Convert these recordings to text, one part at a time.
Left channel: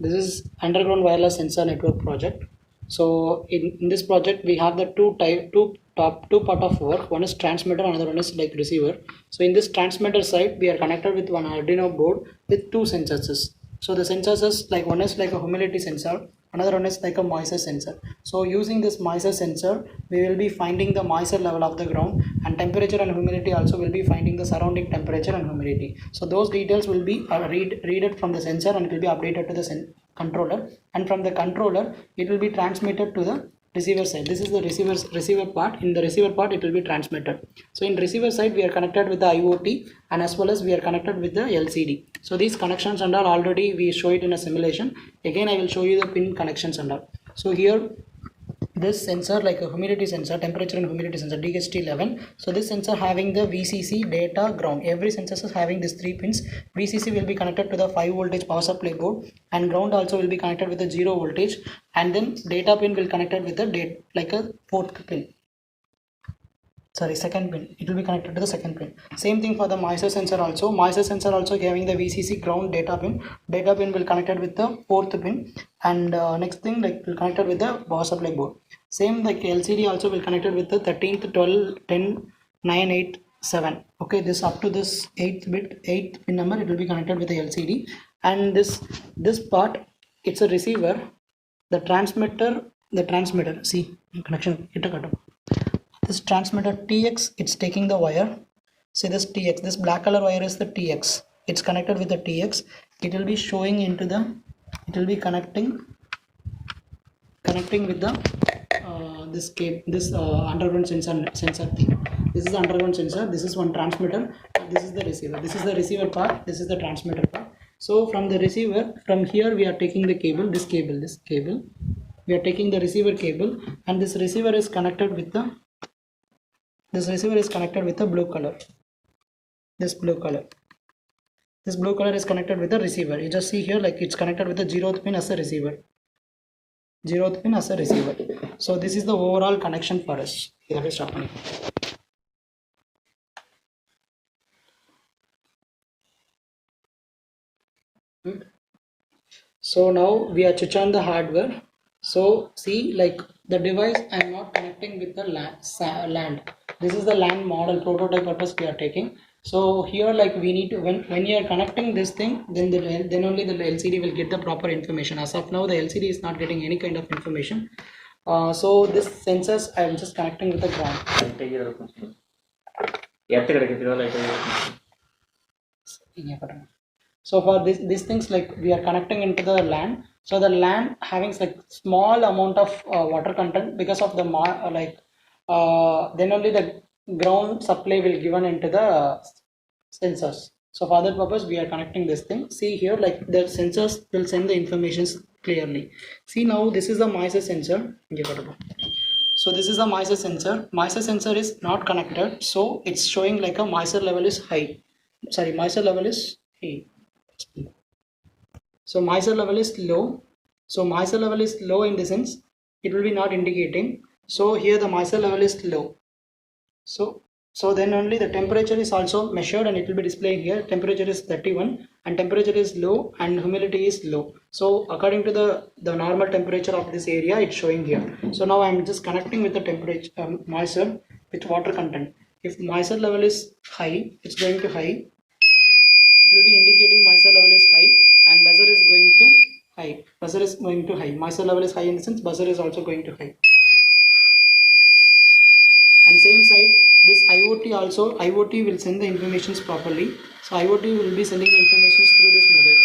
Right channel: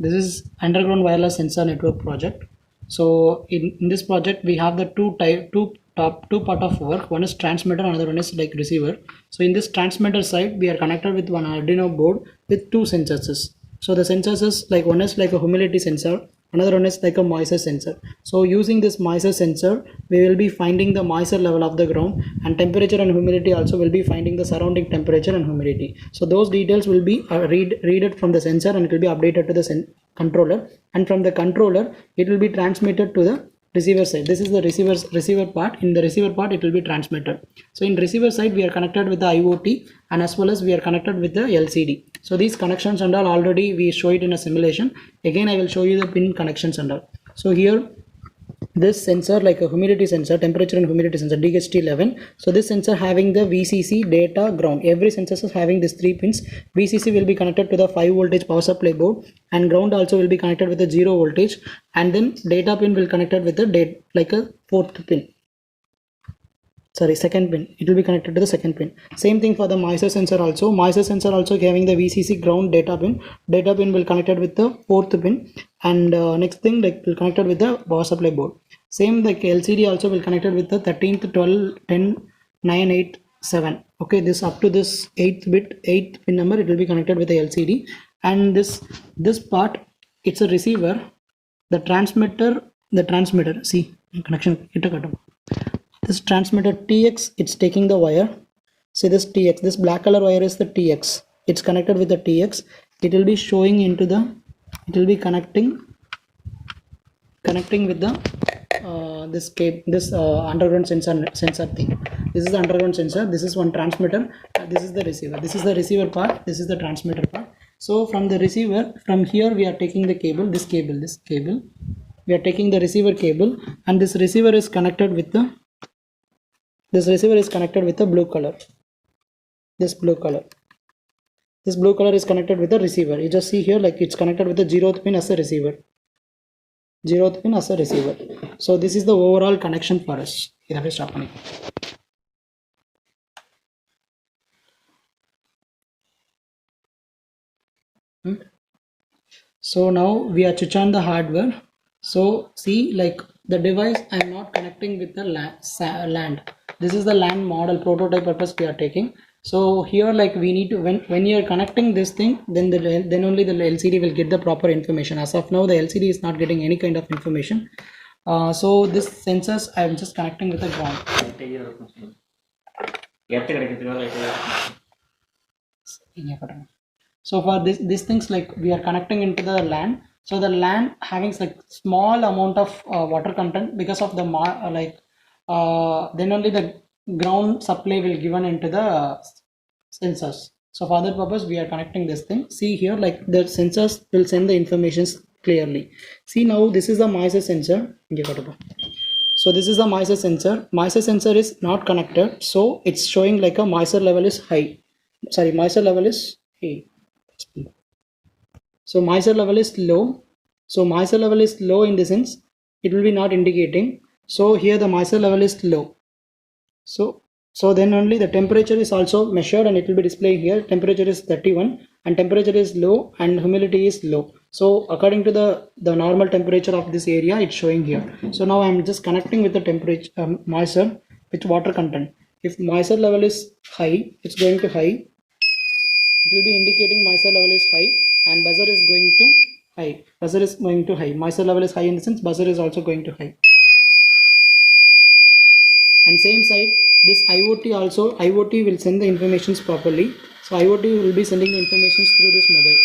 This is underground wireless sensor network project. So in this project we have the two part of work. One is transmitter, another one is like receiver. So in this transmitter side we are connected with one Arduino board with two sensors. So the sensors is like, one is like a humidity sensor, another one is like a moisture sensor. So using this moisture sensor we will be finding the moisture level of the ground, and temperature and humidity also will be finding the surrounding temperature and humidity. So those details will be read it from the sensor, and it will be updated to the controller, and from the controller it will be transmitted to the receiver side. This is the receiver part. In the receiver part it will be transmitted. So in receiver side we are connected with the IoT, and as well as we are connected with the LCD. So these connections and all already we show it in a simulation. Again I will show you the pin connections and all. So here this sensor, like a humidity sensor, temperature and humidity sensor, DHT11. So this sensor having the VCC, data, ground. Every sensor is having these 3 pins. VCC will be connected to the 5 voltage power supply board, and ground also will be connected with the 0 voltage, and then data pin will connected with the like a 4th pin. Sorry, second pin. It will be connected to the second pin. Same thing for the moisture sensor also. Moisture sensor also having the VCC, ground, data pin. Data pin will connected with the 4th pin, and next thing like will connected with the power supply board. Same like LCD also will connected with the 13th, 12, 10, 9, 8, 7. Okay, this up to this 8th pin number it will be connected with the LCD, and this part it's a receiver. The transmitter. See connection. This transmitter TX, it's taking the wire. See this TX, this black color wire is the TX. It's connected with the TX. It will be showing into the, it will be connecting with the this underground sensor thing. This is the underground sensor. This is one transmitter. This is the receiver. This is the receiver part. This is the transmitter part. So from the receiver, from here we are taking the cable. This cable. We are taking the receiver cable, and this receiver is connected with the. This receiver is connected with the blue color. This blue color is connected with the receiver. You just see here like it's connected with the 0th pin as a receiver. 0th pin as a receiver. So this is the overall connection for us. So now we are switch on the hardware. So see like the device I am not connecting with the LAN. This is the LAN model prototype purpose we are taking. So here like we need to, when you are connecting this thing, then only the LCD will get the proper information. As of now the LCD is not getting any kind of information. So this sensors I am just connecting with the ground. So for these things like we are connecting into the LAN. So the LAN having like small amount of water content, because of the then only the ground supply will given into the sensors. So for that purpose we are connecting this thing. See here like the sensors will send the informations clearly. See now this is the moisture sensor. So this is the moisture sensor. Moisture sensor is not connected, so it's showing like a moisture level is high. Sorry, moisture level is high. So moisture level is low. So moisture level is low in the sense it will be not indicating. So here the moisture level is low. So then only the temperature is also measured, and it will be displayed here. Temperature is 31 and temperature is low and humidity is low. So according to the normal temperature of this area, it's showing here. So now I'm just connecting with the temperature moisture with water content. If moisture level is high, it's going to high. It will be indicating moisture level is high, and buzzer is going to high. Buzzer is going to high. Moisture level is high in the sense buzzer is also going to high. And same side, this IoT also, IoT will send the informations properly. So IoT will be sending the informations through this mobile.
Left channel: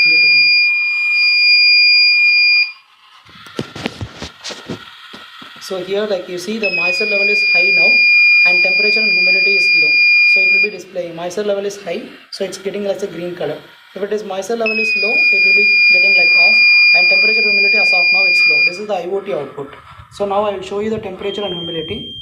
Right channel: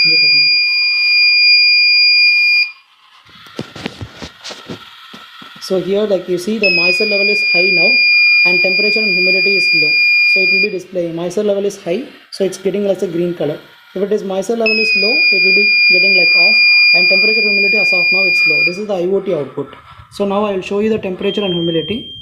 So here like you see the moisture level is high now, and temperature and humidity is low. So it will be displaying moisture level is high, so it's getting like a green color. If it is moisture level is low, it will be getting like off, and temperature and humidity as of now it's low. This is the IoT output. So now I will show you the temperature and humidity.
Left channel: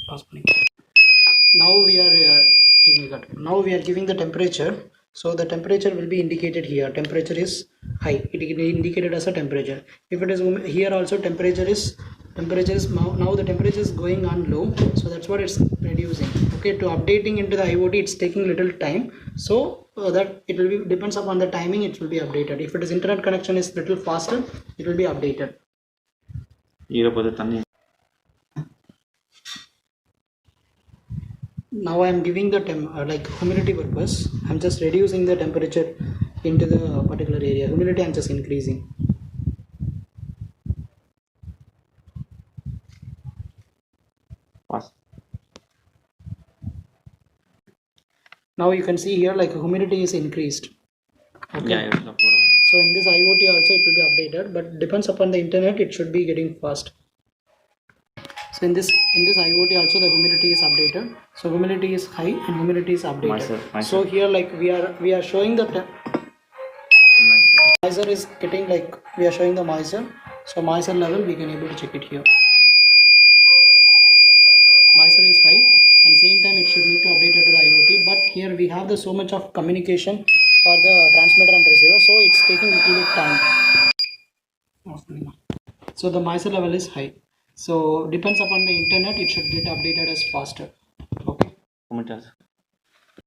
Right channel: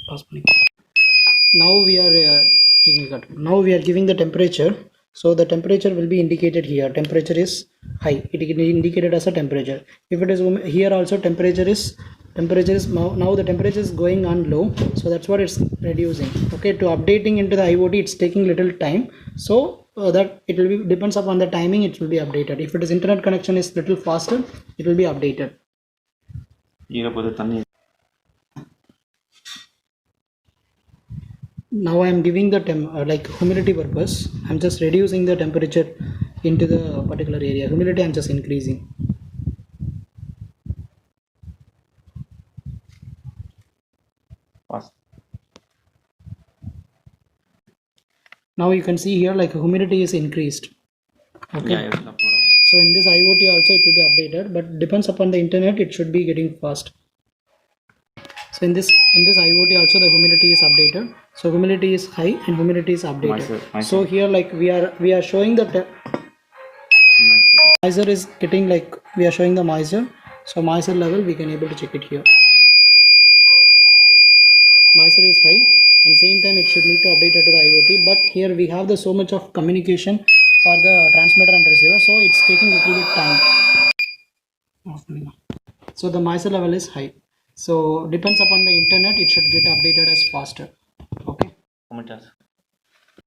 Now we are giving the temperature. So the temperature will be indicated here. Temperature is high. It is indicated as a temperature. If it is here also temperature is now the temperature is going on low, so that's what it's reducing. Okay, to updating into the IoT it's taking little time. So that it will be depends upon the timing, it will be updated. If it is internet connection is little faster, it will be updated. Now I am giving the like humidity purpose, I'm just reducing the temperature into the particular area. Humidity I'm just increasing. Now you can see here like humidity is increased. Okay. So in this IoT also it will be updated, but depends upon the internet, it should be getting fast. So in this IoT also the humidity is updated. So humidity is high and humidity is updated. So here like we are showing the moisture is getting like we are showing the moisture. So moisture level we can able to check it here. Moisture is high and same time it should need to update it to the IoT, but here we have the so much of communication for the transmitter and receiver, so it's taking a little bit time. So the moisture level is high, so depends upon the internet, it should get updated as faster. Okay.